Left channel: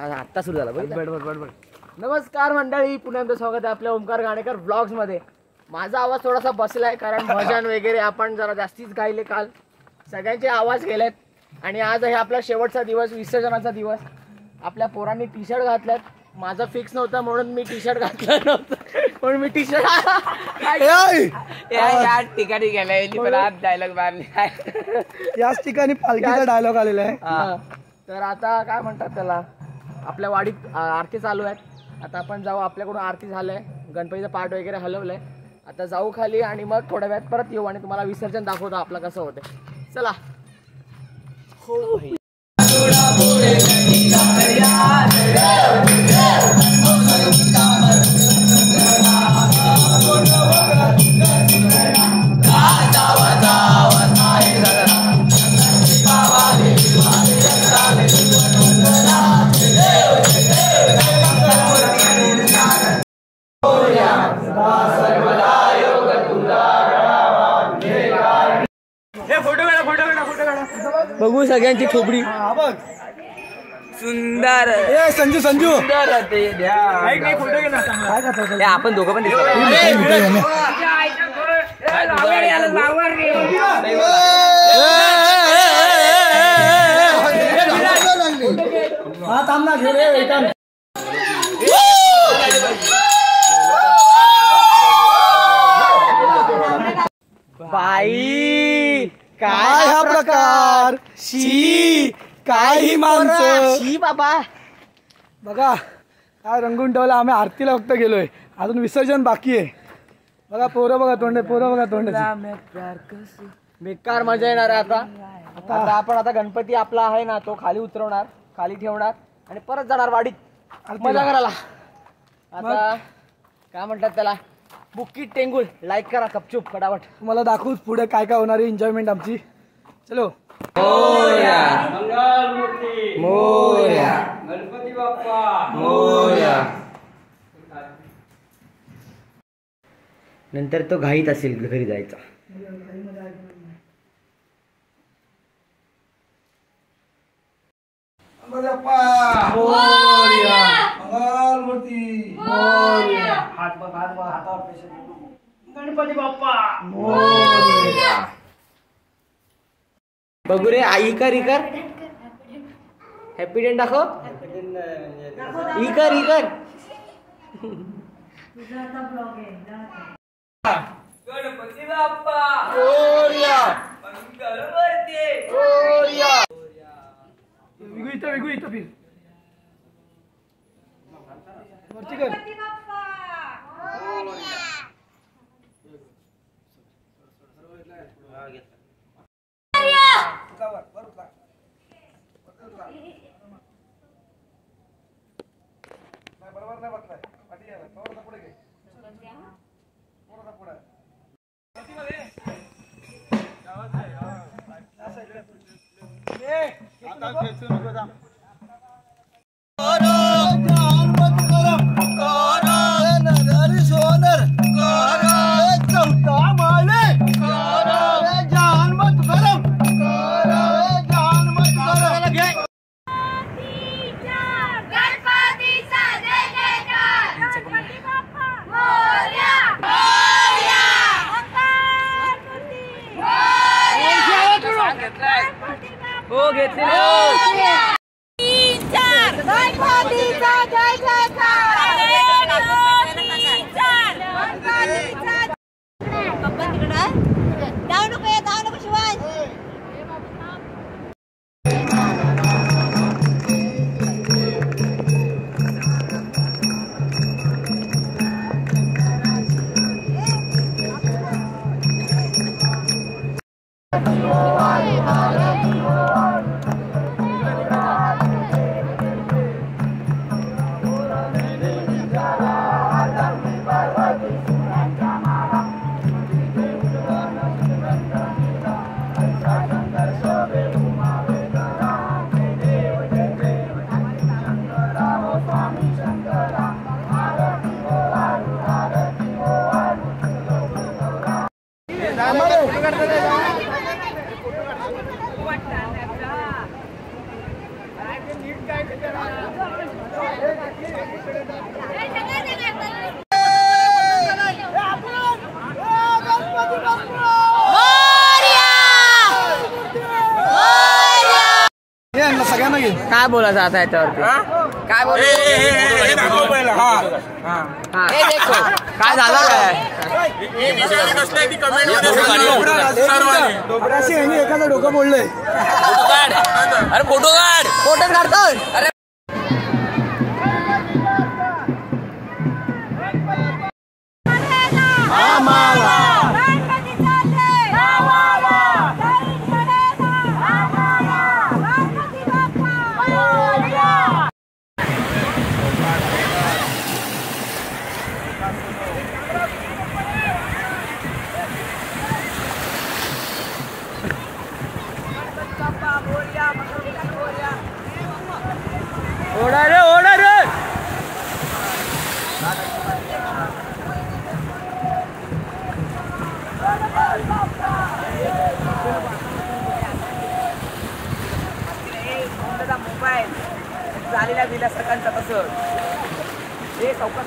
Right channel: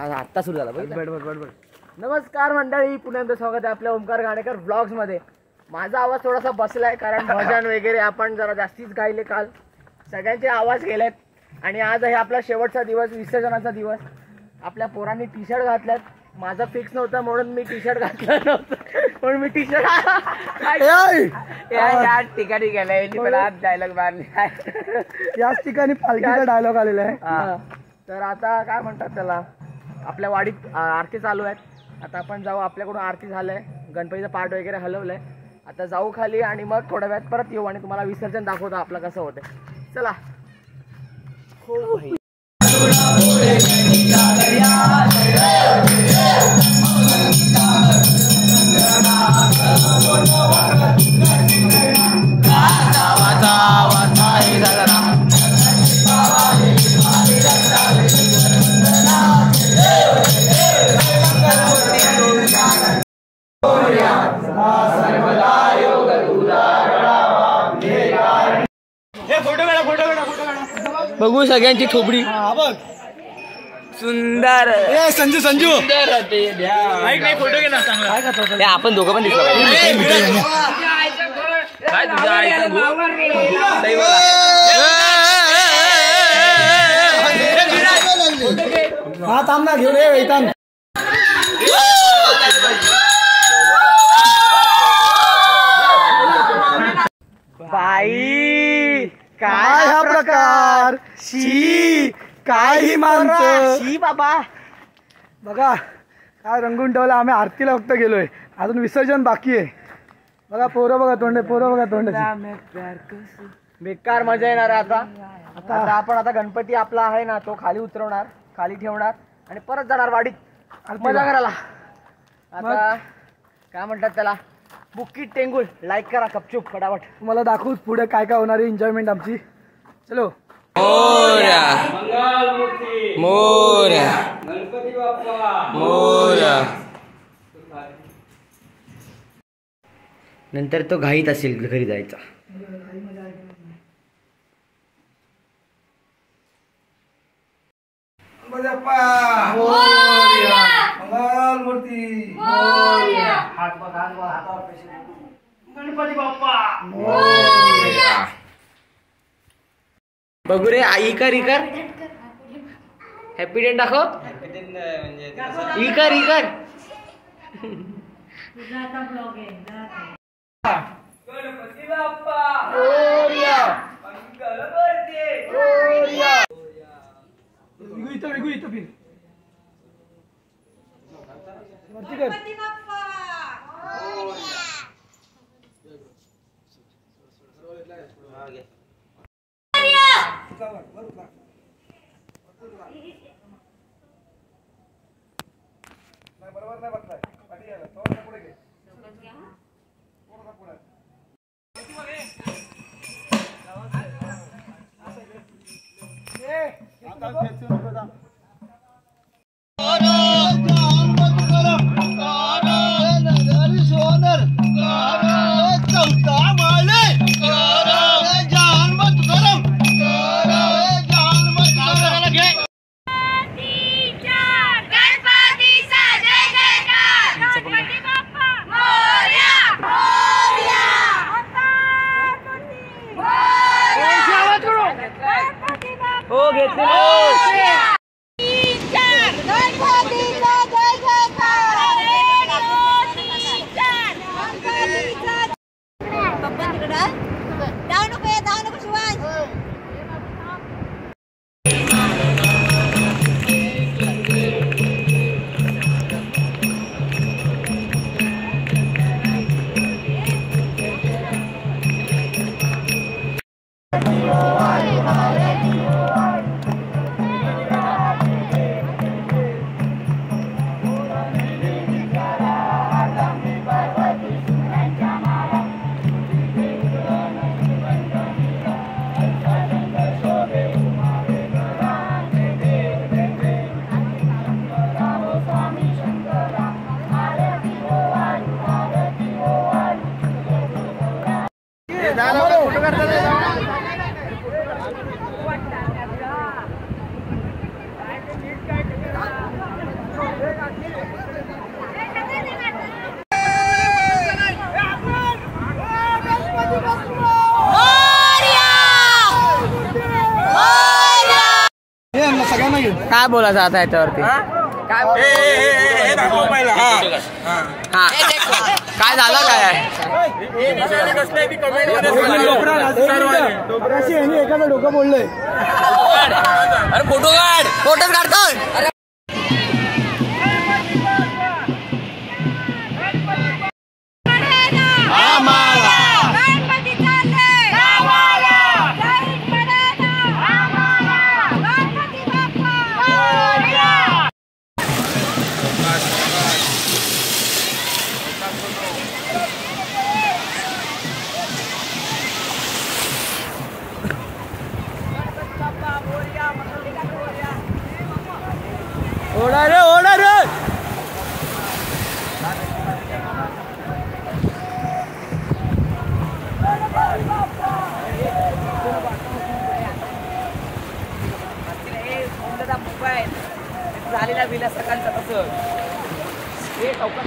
आता सुरू झाला बरोबर. नमस्कार मंडळी, पुन्हा एकदा स्वागत आहे आपल्या ओमकार गाणेकर व्लॉग्स मध्ये. माझा आवाज थोडासा बसलाय कारण भजन वगैरे आपण जरा जास्तीच गायले काल. सगळ्यांचे आवाज गेलेत आणि आज आहे आपला शेवटचा दिवस, विसर्जनाचा दिवस. आपल्या पोरांनी टी शर्ट घातल्यात. माझं फिक्स नव्हतं म्हणून मी टी शर्ट घातलं नव्हतं, म्हणून मी टी शर्ट या ठिकाणी गेलाय. डायलॉग मारले याच ठिकाणी पालखीचा डायलॉग आलेला आहे. तर आता काय म्हणतात त्याला, आपल्या वाडीत आरती चालू आहेत. आता आपण जाऊ, आपल्याकडून आरती झालंय, गणपतीचं पाठ वगैरे हलवलंय. आता जाऊ खाली आणि मग थोड्या वेळात परत येऊ आणि तुम्हाला विसर्जन दाखवतो आपलं कसं होतंय. चला. हो भाई. बघू सगळ्यांची ठोबडी सुंदर. संजू सुंदर फोटो घे ना. आपण दोघं पण बाई काय हा प्रकार. शी काय ही माणसं. शी बाबा बघा काय रंगून ठेवलं. आम्ही आरतीला फक्त गेलोय, अजून विसर्जन बाकी आहे. बघा पोरं बघा तोंड, बेकार मजा येणार आहे. आता आपण आता गणपती आपला आहे ना, तो खाली उतरवणार, खाली ठेवणार आणि परत जाणार वाडीत मजा करायला. आता काय म्हणतात त्याला, बुक्कीट टेंगुळ. लाईक करा कपचूप फटाफट. तुम्हाला दाखवू पुढे काय काय होणार आहे एन्जॉयमेंट आमची. चलो. मोरया मोरया गणपती बाप्पा मोरया. नंतर तो घाईत असेल घरी जायचा. गणपती बाप्पा बघू रे. आई कर इकर हॅपी डेन दाखव. इकर गणपती बाप्पा मोरया मंगलमूर्ती मोरया. विगू इथं फिर वरती कर. बरोबर नाही बसलाय पाठी गेला थोडा पुढे घे. थोडा पुढे आता खेचू नको जा. हो घेतले. काय बोलायचं आता याच्यावरती काय काय झालं काय एखादं डोकं बोललंय अरे फोटो काढ फोटोच काढतोय अरे ओढा रे ओढा रे मोबाईल झालेला दिला सगळ्यांचा तसं हे चौकात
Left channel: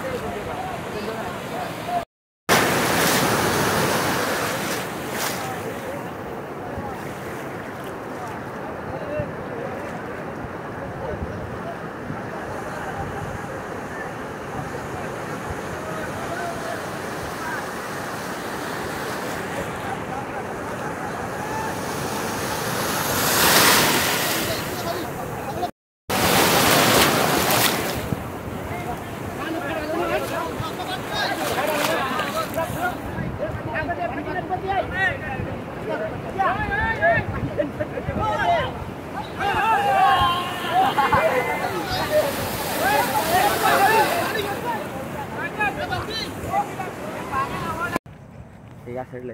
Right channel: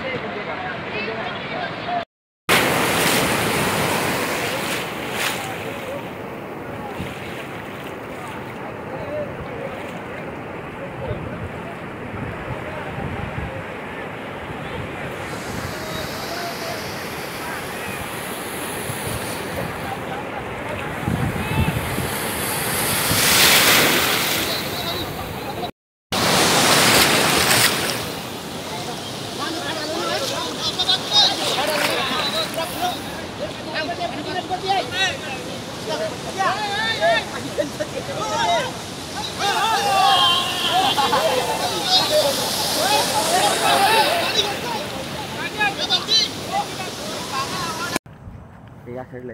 या साईडला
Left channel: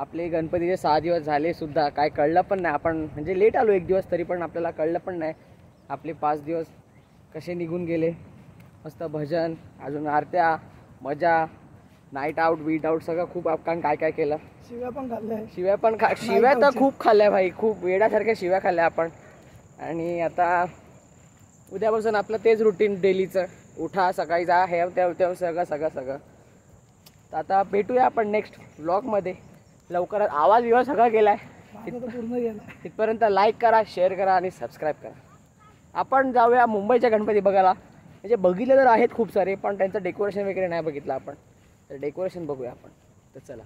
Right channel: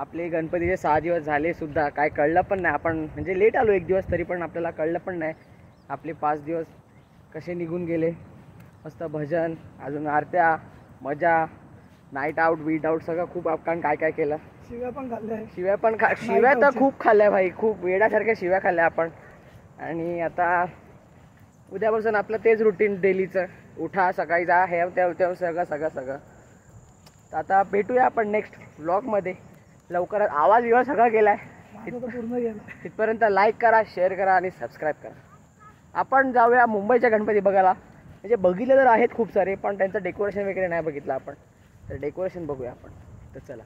आपले गणपतीचे 6 दिवस झाले सुद्धा काय कळलं पण नाही. आपण म्हणजे लेट आलो 1 दिवस तरी पण आपल्याला कळलं पण नाही आपले 5 दिवस कसे निघून गेले. मस्त भजन अजून आरत्या मजा नाईट आउट बीट आउट सगळं खूप आपण काय काय केलं. शिव्या पण खाल्ल्या शिव्या तर खूप खाल्ल्या भाई खूप वेड्यासारख्या शिव्या खाल्ल्या आपण. आणि आता उद्यापासून आपलं तेच रुटीन डेलीचं उठा सकाळी जा हे तेव्हा सगळं तर आता भेटूया आपण नेक्स्ट व्लॉगमध्ये लवकरच. आवाज विवाज सगळा गेला आहे पूर्ण गेला. तिथपर्यंत लाईक करा शेअर करा आणि सबस्क्राईब करा. आपण जाऊया मुंबईच्या गणपती बघायला. म्हणजे बघितले तर आहेत खूप सारे पण त्यांचं डेकोरेशन वगैरे नाही बघितलं आपण तर डेकोरेशन बघूया आपण. तर चला.